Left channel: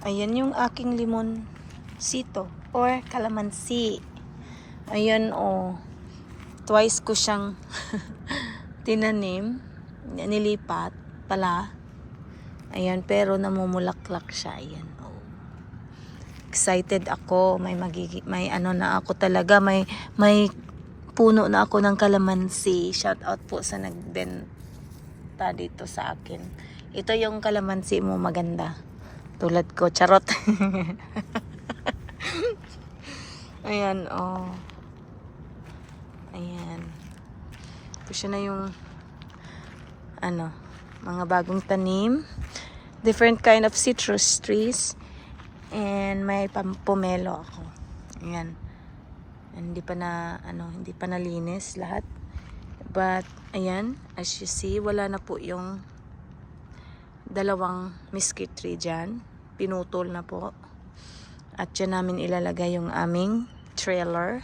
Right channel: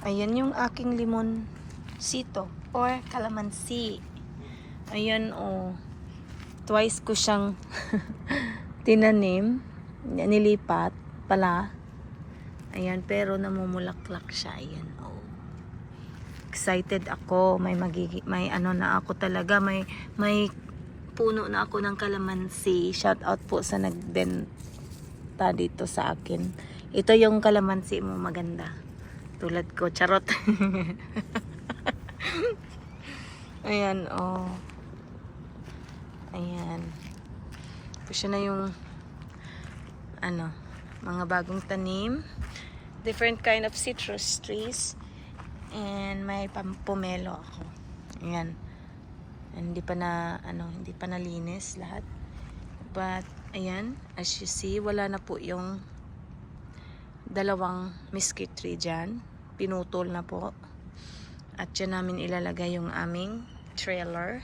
Ayan yung aking limonsito or kalamansi. Ayan oh. Twice ko siyang tinanim. Nilipat pala. Ayan, pero namumulaklak siya. Ayan oh. Excited ako. May ano na ako talaga. May puno na ako ng kalamansi. Shout out po sa nagbenta dito sa akin. Ito yung kalamansi mo maganda. Tulad ko, charot. Ayan, oh. Ayan. Ito siya na yung, ano, mga bagong tanim. Different kind of citrus trees. And may pomelo ako. Ayan. Hindi pa nalinis lahat. But, ayan, as you see, wala na po yung dalawang mesquite tree dyan. Pinutol na po. At dyan namin ilalagay yung aming trailer.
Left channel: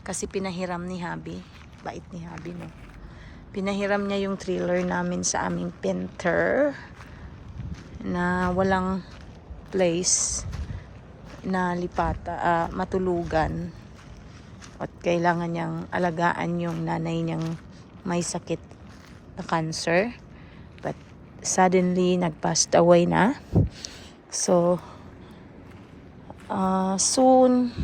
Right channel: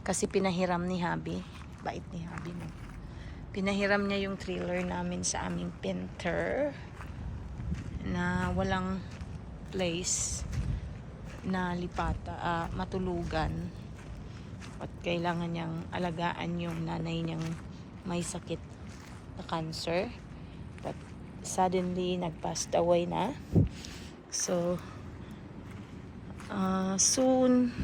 Kasi pinahiram ni Habi. Bait ni Habi, no? Pinahiram niya yung trailer namin sa aming painter. Na walang place na matulugan. At kailangan niyang alagaan yung nanay niyang may sakit na cancer. But suddenly, nag-passed away na. So, soon,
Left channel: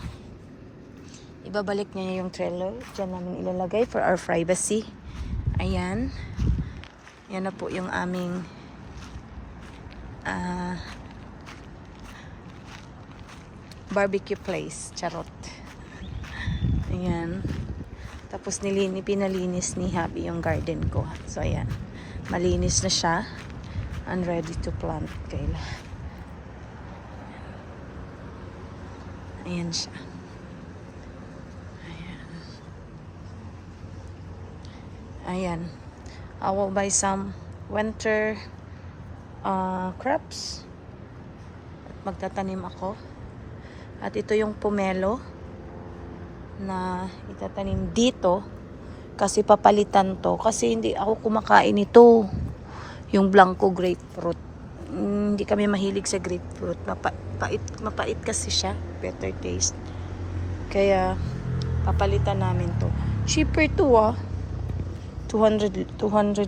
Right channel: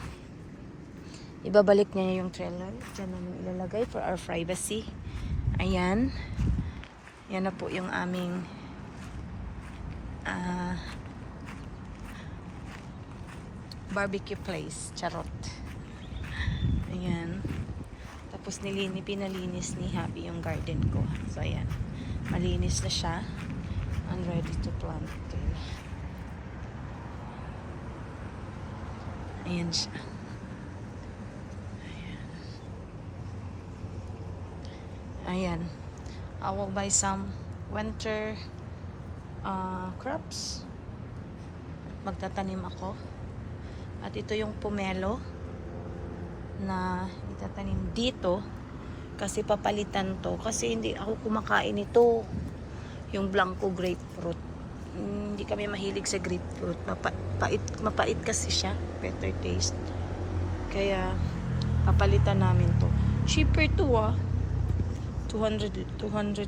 ibabalik niya yung trailer. Diyan namin ilalagay for our privacy. Ayan. Yan na po yung aming barbecue place. Charot. Ayan. Tapos pinalinis ni Happy yung garden ko. So, ayan. Malinis na siya. And ready to plant. Ayan siya. Ayan. I will buy some winter crops. Magtatanim ako. At ito yung pomelo na itatanim dito kasi papalitan to. Kasi hindi ako kumakain ito. Yung blanco grapefruit. Hindi kami mahilig sa grapefruit. Mapait kasi siya. Better taste. Kaya, papalitan namin to. Cheaper to 200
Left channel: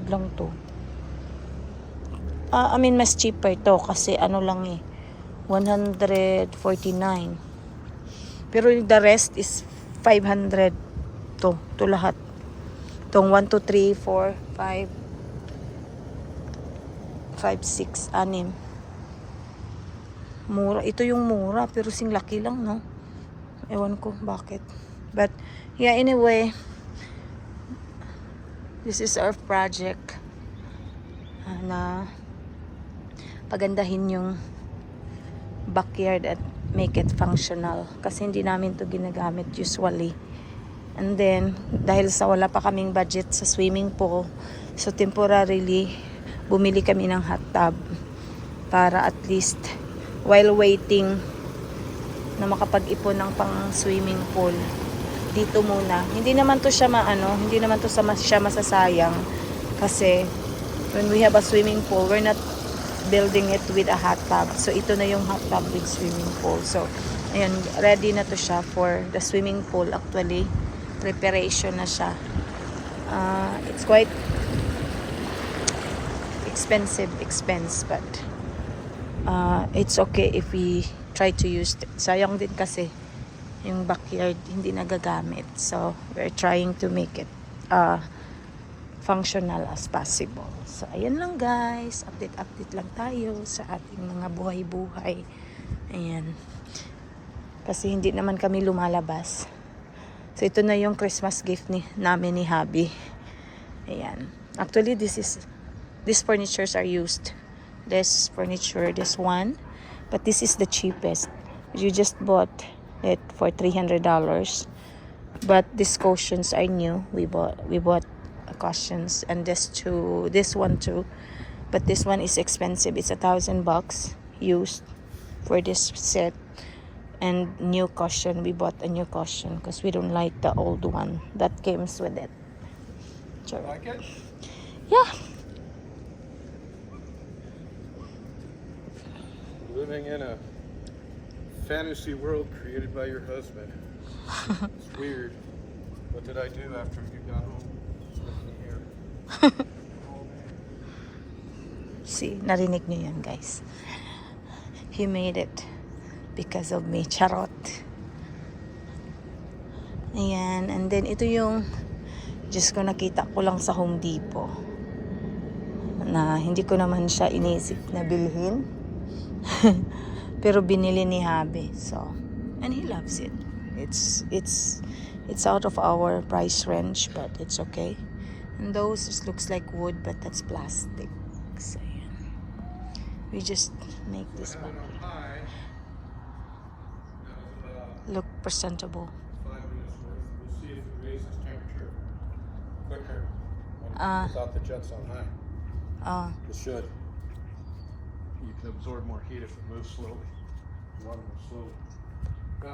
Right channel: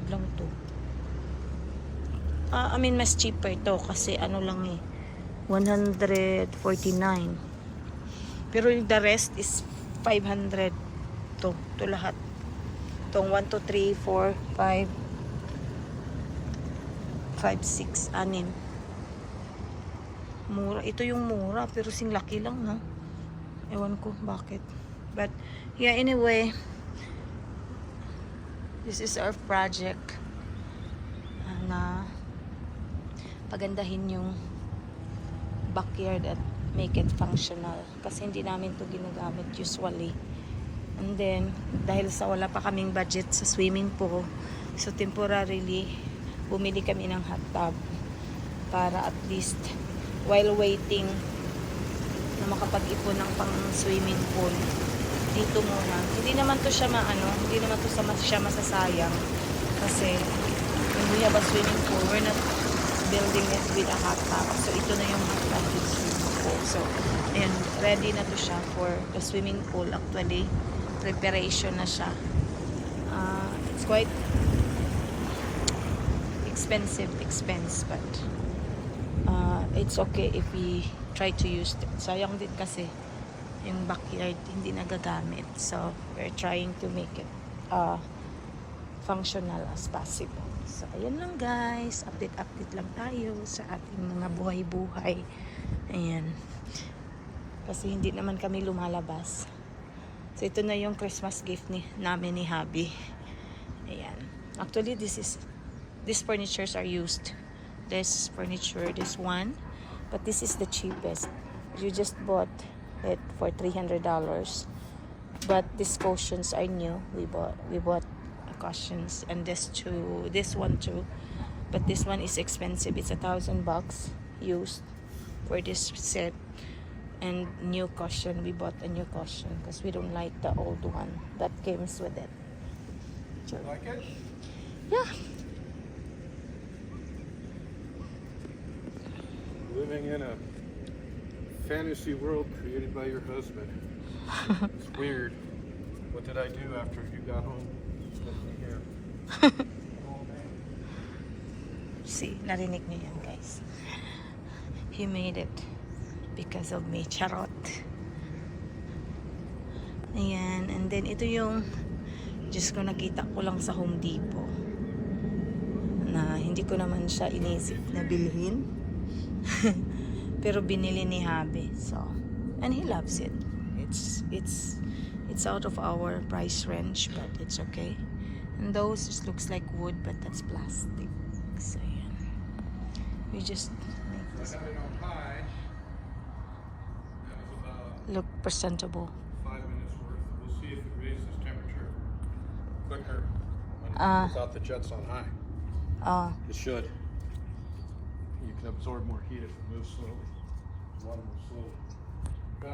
lang to. Mas cheaper to. Kasi ano lang 149. Pero the rest is 500 to lahat. Itong 1, 2, 3, 4, 5, 6, 6. Mura. Ito yung mura. Pero sing laki lang, no? Ewan ko bakit. But, yeah, anyway. This is our project. Na pagandahin yung backyard at make it functional. Kasi hindi namin to ginagamit usually. And then, dahil sa wala pa kaming budget sa swimming pool, so temporarily, bumili kami ng hot tub para at least while waiting na makapag-ipon ng pang swimming pool dito muna. Hindi naman to siya siya masasayang kasi when we have a swimming pool, we're not building it with a hot tub. So ito na yung hot tub with swimming pool. So ayan, ready na to siya for the swimming pool. Actually, preparation na siya. It's quite expense, but it's okay if we try to use it. Sayang din kasi yung backyard hindi nagagamit. So we're trying to make it functional as possible. So ayun lang guys, update lang tayo sa ating mga buhay-buhay. Ayan. Kasi hindi naman kami lumalabas. So ito na yung Christmas gift namin ni Habi. Ayan. Actually these furnitures are used. This furniture, this one, but this is the cheapest. You just bought it for $300. But these cushions are new. We bought cushions, and this one too. But this one is expensive. It's $1,000 used for this set. And new cushion, we bought a new cushion because we don't like the old one that comes with it. Sure. Yeah. living in a fantasy world created by your husband. It's weird. What did I do after you got home? Here. See, narinig niyo yan, guys. He made it because of me. Charot. Ayan. And then, ito yung Diyos ko, nakita ko lang sa Home Depot. Na hindi ko naman siya inisip na bilhin. Pero binili ni Habi. So, and he loves it. It's out of our price range, but it's okay. And those, it looks like wood, but that's plastic. So, yeah. We just make this one look presentable. 5 minutes worth. We'll see if it raises temperature quicker without the jets on high. It should. You can absorb more heat if it moves slowly. Run more slowly.